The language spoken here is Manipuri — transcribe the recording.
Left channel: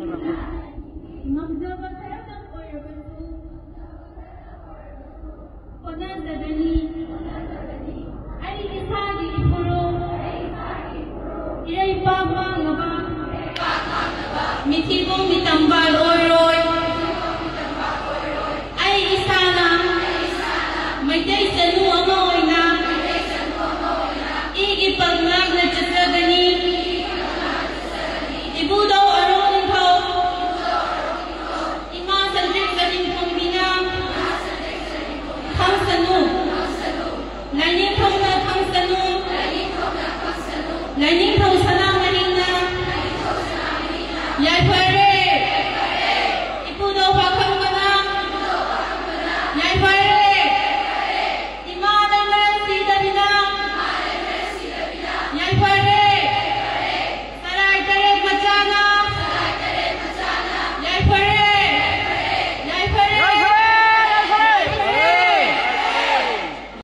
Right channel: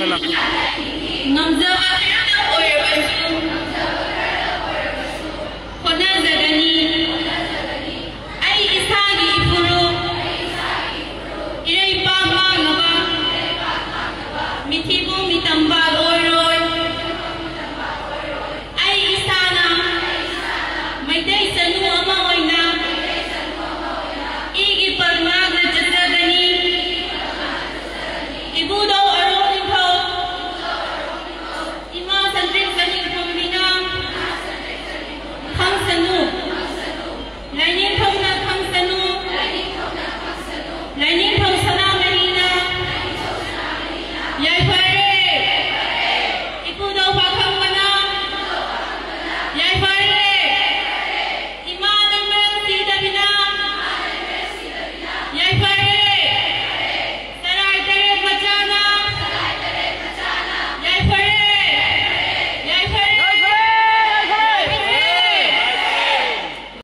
Ngamzaba khirna oirabasu honazagani ai isagi ifuru irai pama ngaba mithibu mitambal oiroi